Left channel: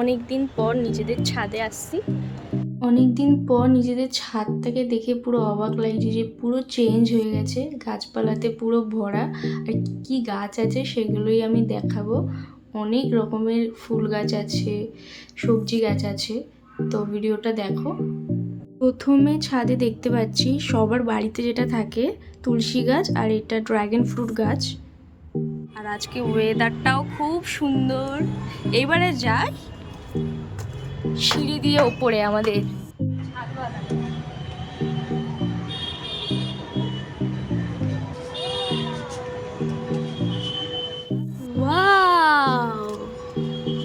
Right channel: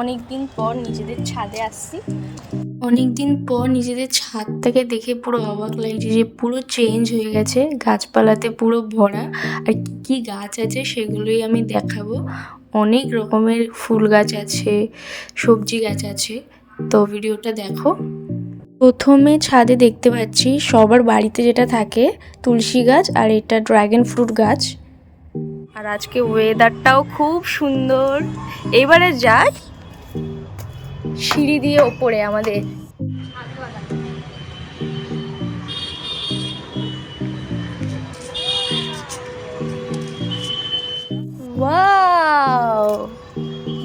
অনেক দিন পর নিজেদের ছাদে আসছি। অনেক দিন পর নিজেদের ছাদটাকে দেখে পুরো অবাক লাগছে যে পুরো চেঞ্জ হয়ে গেছে, গাছপালাতে পুরো ভরা। আর কি গাছ আছে সেগুলোই আমি দেখাবো। অনেক রকমের ফুল গাছ আছে, সবজি গাছ আছে, তো ভিডিওটা দেখো। প্রথমে ছাদে দেখতে পাচ্ছি সবার বাড়িতে যেটা থাকে, তুলসী গাছ, আর এটা ড্রাগন ফ্রুট গাছ। আর আজকে ওয়েদারটাও খুব সুন্দর। এবারে যাই সিঁড়ি দিয়ে ওপরে আমাদের। वाओ,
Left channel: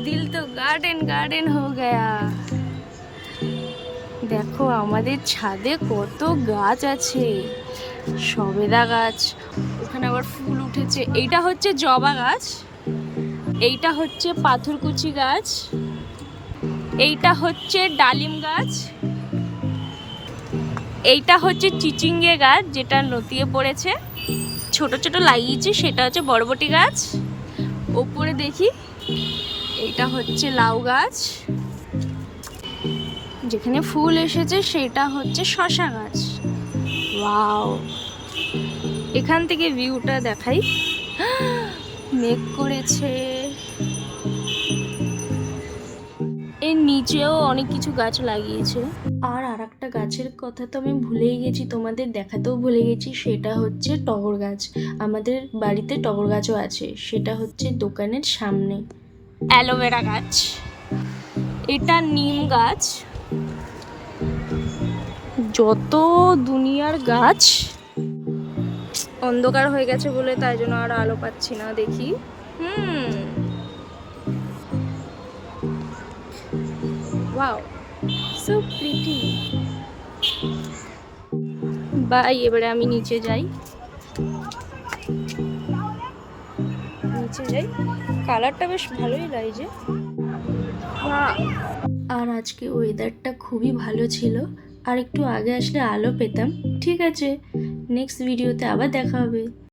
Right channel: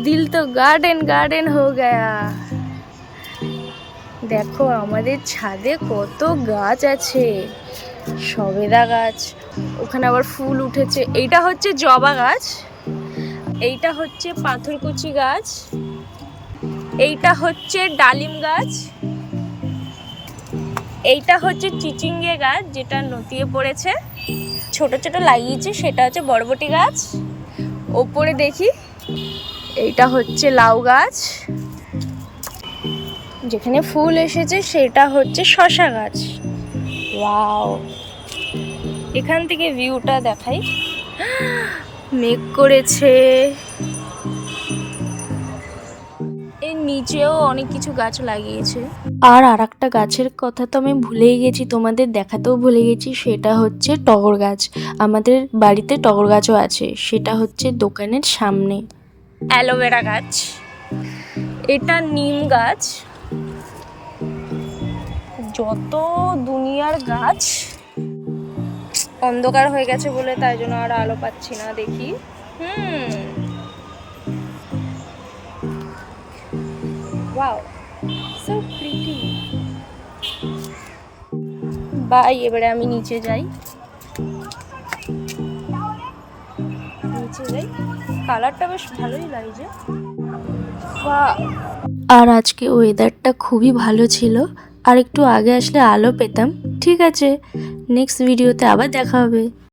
दिल तो गार्डन गार्डन हो गया। দেখো আমাদের ছাদে কত গাছ আছে, সবেদা গাছ, ওখানে আবার ফুল উঠেছে। এইটা হচ্ছে জবা গাছ, এইটা হচ্ছে পাথরকুচি গাছ, এইটা হচ্ছে ডালিম গাছ, এইটা হচ্ছে চিচিঙ্গে গাছ যেটা নতিয়ে পড়েছে, ছোট ছোট লাগিয়েছি, সেটা হচ্ছে বরবটি গাছ। ওপরে দেখি এইটা হচ্ছে লাউ গাছ, যেখানে ফুল এসেছে সেটা হচ্ছে শসা গাছ। ওয়াও, এখান থেকে ভিউটা দেখাই, মেঘ করেছে। এর নিচেও অনেক কিছু গাছ লাগিয়েছে। আর একটা গাছের কথা তো আমি ভুলেই গেছি, তোমাদের দেখাতেও ভুলে গেছি, সেটা হচ্ছে টগর গাছ। আমাদের বাড়িতে টগর গাছও আছে, সেটা হচ্ছে দোকানের সামনে। অ্যালোভেরা গাছ, এটা নিম গাছ। যত দুনিয়ার গাছ, অন্ধকার হয়ে গেছে বলে তাই জন্য আর আলো পাচ্ছি না, দেখি। Wow, so pretty. বাই, এবারে আমি নিচে যাই। কালারটা বেশ ভালোই লাগছে। আর আজকে ওয়েদারটা খুবই ভালো ছিল, আর একটু আগে আসলে আলো পেতাম। ঠিক আছে, নেক্সট ভিডিওতে আবার দেখা হবে।